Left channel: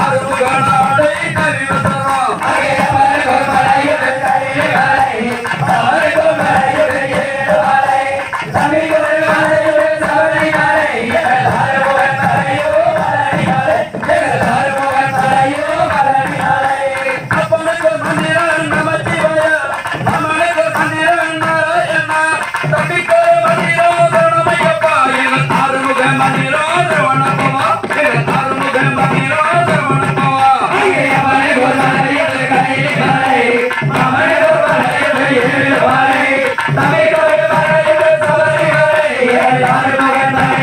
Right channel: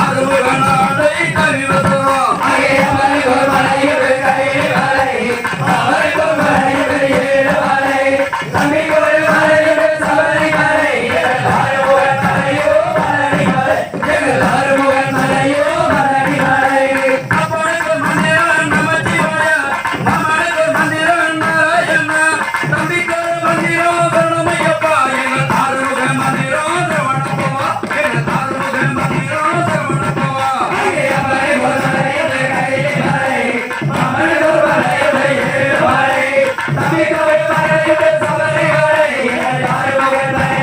ஆதரவு Canada.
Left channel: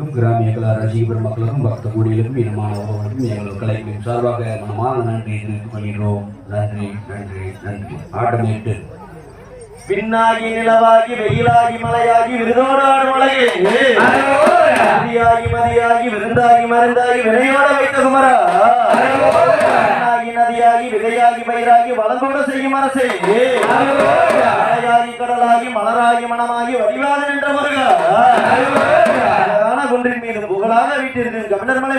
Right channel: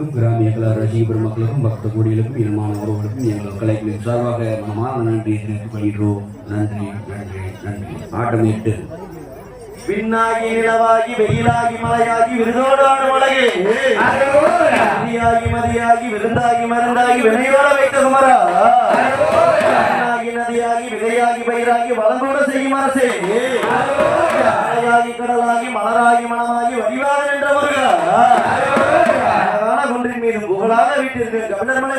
நெஞ்சங்களுக்கும் கிராமிய கலா ரசிகபுரம் மக்களுக்கும் பக்த கோடிகளுக்கும் இனமான உறவுகளுக்கும் எங்கள் கலைகளின் சார்பாக நம்மால் நன்றி தெரிவித்துக் கொள்கிறோம் நன்றி நன்றி நன்றி. பாடமிட்டு பின்னாகி நிலவாகி வெயிலாகி மலையாகி விருதோடு ஆடும் மதியாகி மதியாகி விருந்தாகி மருந்தாகி வினையோட வைத்த குமரா. நதியாகி விதையாகி பயிராகி வளமோடு செய்யுமா செய்யாகி கடலாகி மலராகி மனமாகி வடிவாக புகழாக விட்டிருக்கிற கண்ணன்மை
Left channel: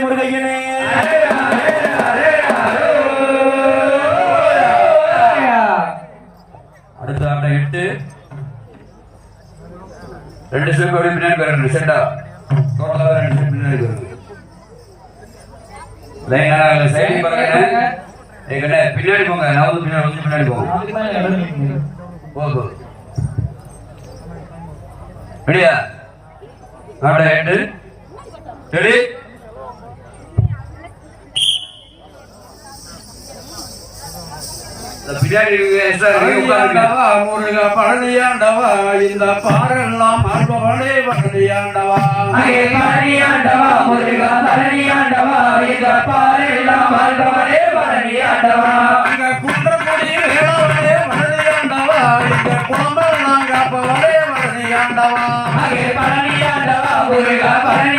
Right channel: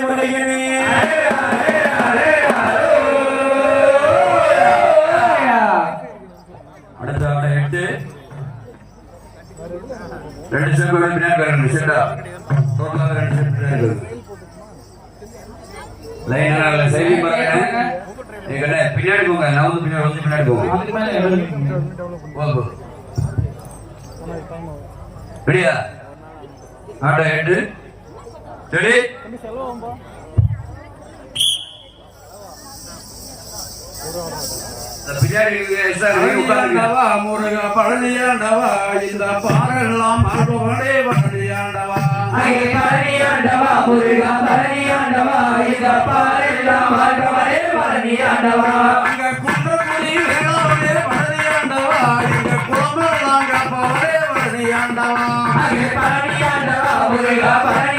எட்டு ரெண்டு சிவப்பு பின்னாடி வரணும் லைனராக சரி பாருங்க எங்கிட்ட பின்னாடி போங்க அதாவது பின்னாடி போங்க சரி பழனியாண்டவா இந்த பாடலாம் பாடுவானே பழனியாண்டவா. பழனியாண்டவா முருகா பழனியாண்டவா இந்த பழனியாண்டவா முருகா பழனியாண்டவா.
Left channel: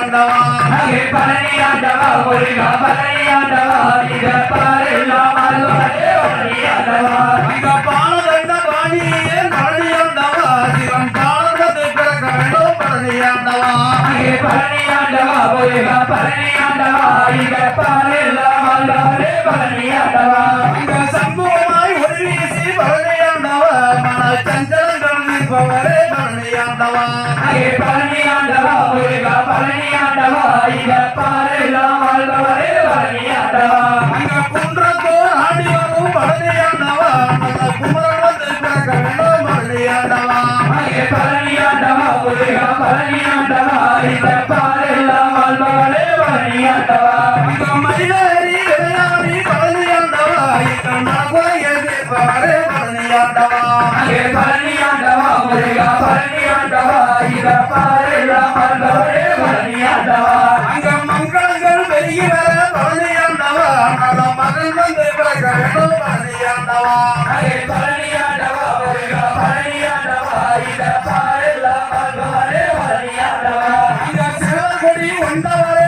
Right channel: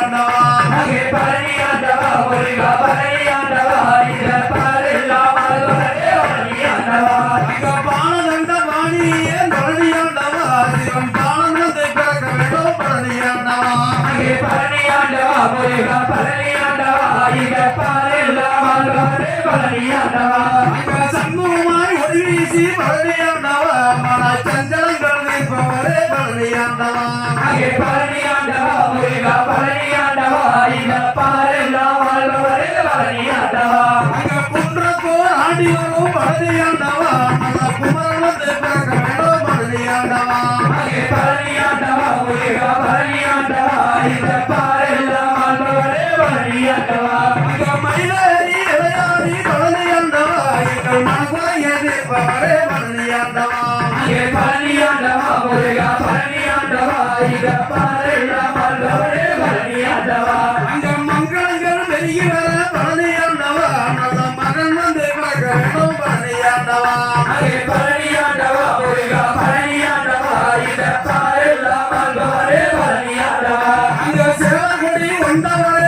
பழனியாண்டவா அங்கே பழனியாண்டவா முருகா பழனியாண்டவா இந்த பாறையெல்லாம் வாழ்பவனே பழனியாண்டவா அங்க பாலதண்ட பாணியே பழனியாண்டவா சிவன் பாலத்தை பிறக்க வேண்டும் பழனியாண்டவா அங்கே முருகா மன அங்கே முருகா பழனியாண்டவா மன புராணத்தை பிறக்க வேண்டும் பழனியாண்டவா அங்கே பழனியாண்டவா முருகா பழனியாண்டவா இந்த பாறையெல்லாம் ഉണ്ടാവാതെ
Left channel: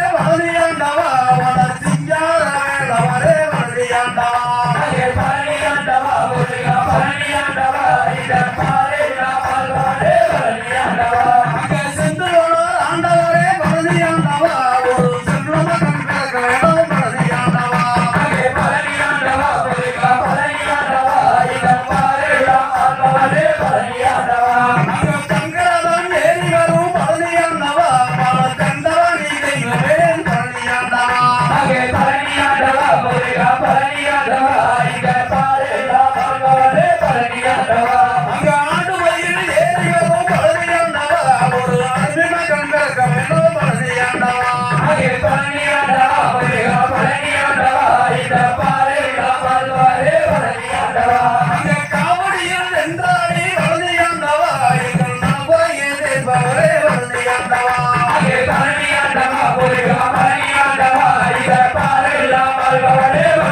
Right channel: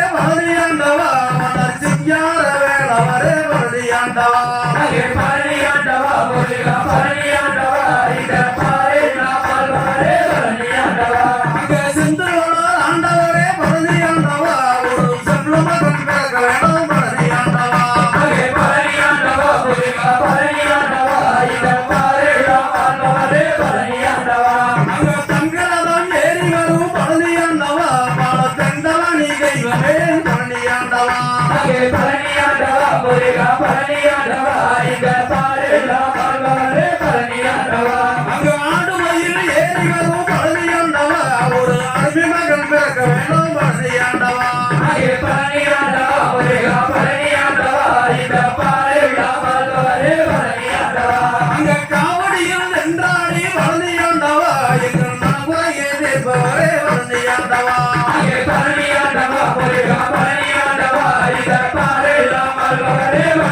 இந்த பாரெல்லாம்